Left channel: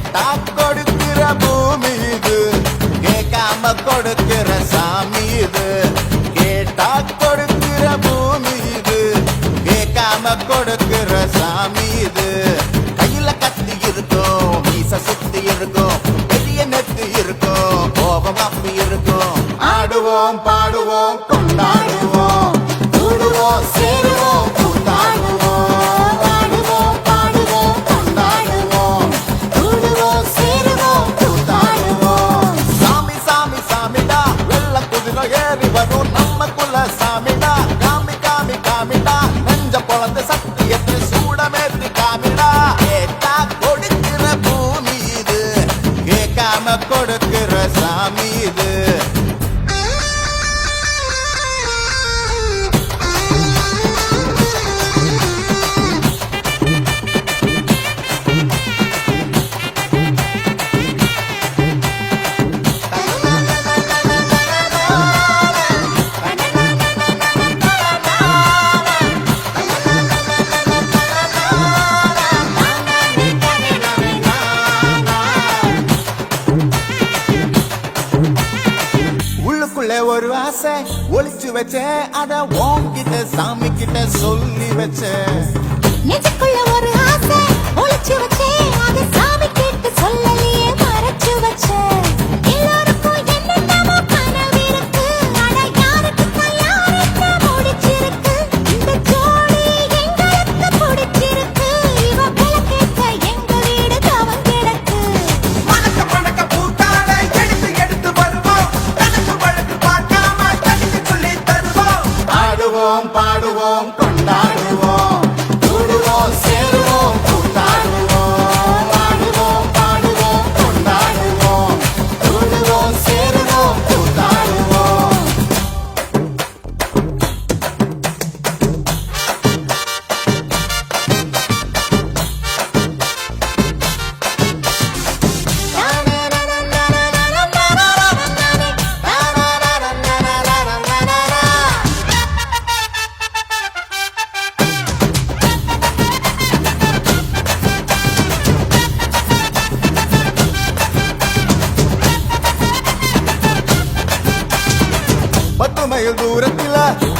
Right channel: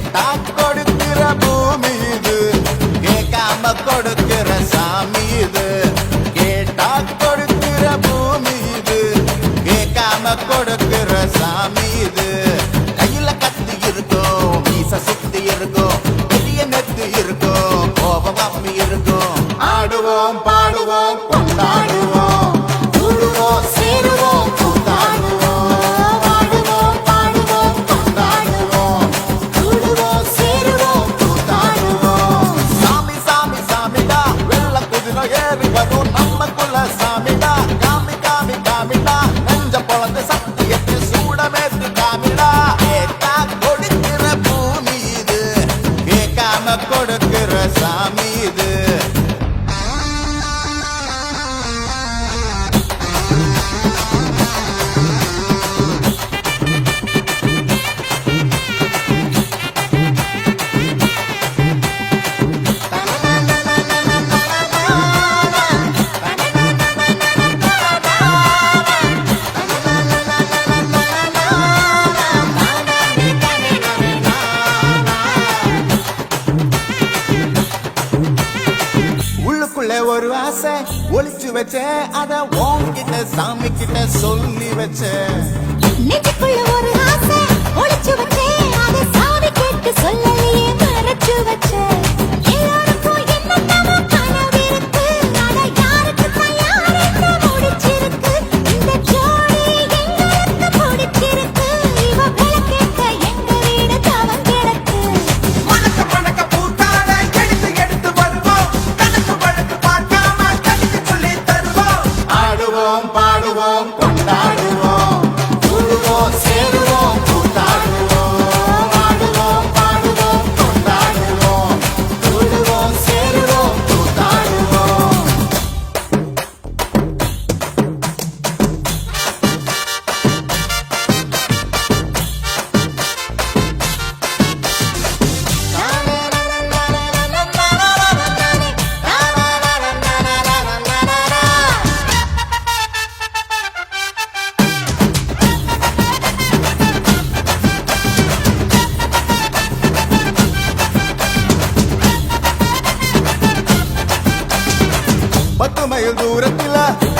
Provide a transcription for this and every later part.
கேட்டா கொடுக்கிற பூமி இது, கேட்காம கொடுக்கிற சாமி இது. கேட்டா கொடுக்கிற பூமி இது, கேட்காம கொடுக்கிற சாமி இது. கையில கத்தி இருக்கும், மீச சுத்தி இருக்கும், பெரிய நெத்து இருக்கும், கோபம் அப்பி இருக்கும். ஆடுவோம் பாடுவோம் கொண்டாடுவோம், கூடுவோம் சேருவோம் கூத்தாடுவோம். ஆடுவோம் பாடுவோம் கொண்டாடுவோம், கூடுவோம் சேருவோம் கூத்தாடுவோம். சாமி சாமி சாமிடா, வெள்ள குதிரை ஏறி வரும் நம்ம குல சாமிடா. காமி காமி காமிடா, நெஞ்ச பொழந்து சத்தியத்தை சூடமேத்தி காமிடா. கேட்டா கொடுக்கிற பூமி இது, கேட்காம கொடுக்கிற சாமி இது. உள்ளுக்குள்ள ஒரு ஆசை ஒளிச்சு வச்சேன், அத உன்கிட்ட சாமி கிட்ட சொல்லி வச்சேன். நெஞ்சுக்குள்ள ஒரு ஆசை ஒளிச்சு வச்சேன், அதை சாமி கிட்ட சொல்லலையே மறைச்சு வச்சேன். எல்லாருக்கும் என்னென்னமோ கனவு இருக்கு, ஆனா யாருக்கும் யாருக்கு பிடிச்சிருக்கு. இந்த ஜோடி எங்களுக்கு பிடிச்சிருக்கு, இவ கேட்க எங்க வீடு தவம் கிடக்கு. மணக்க மணக்க பூத்தாட எடுத்து எடுத்து வருவோம், கணக்கு வழக்கு பார்க்காம கடிச்சு சொல்லி தருவோம். ஆடுவோம் பாடுவோம் கொண்டாடுவோம், கூடுவோம் சேருவோம் கூத்தாடுவோம். ஆடுவோம் பாடுவோம் கொண்டாடுவோம், கூடுவோம் சேருவோம் கூத்தாடுவோம். பத்து மைல் தூரத்தில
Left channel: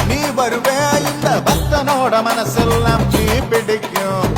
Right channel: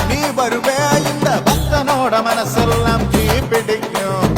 நீ வருவே, இந்த பக்தனோட மனசெல்லாம் தீ பிடிக்கும்.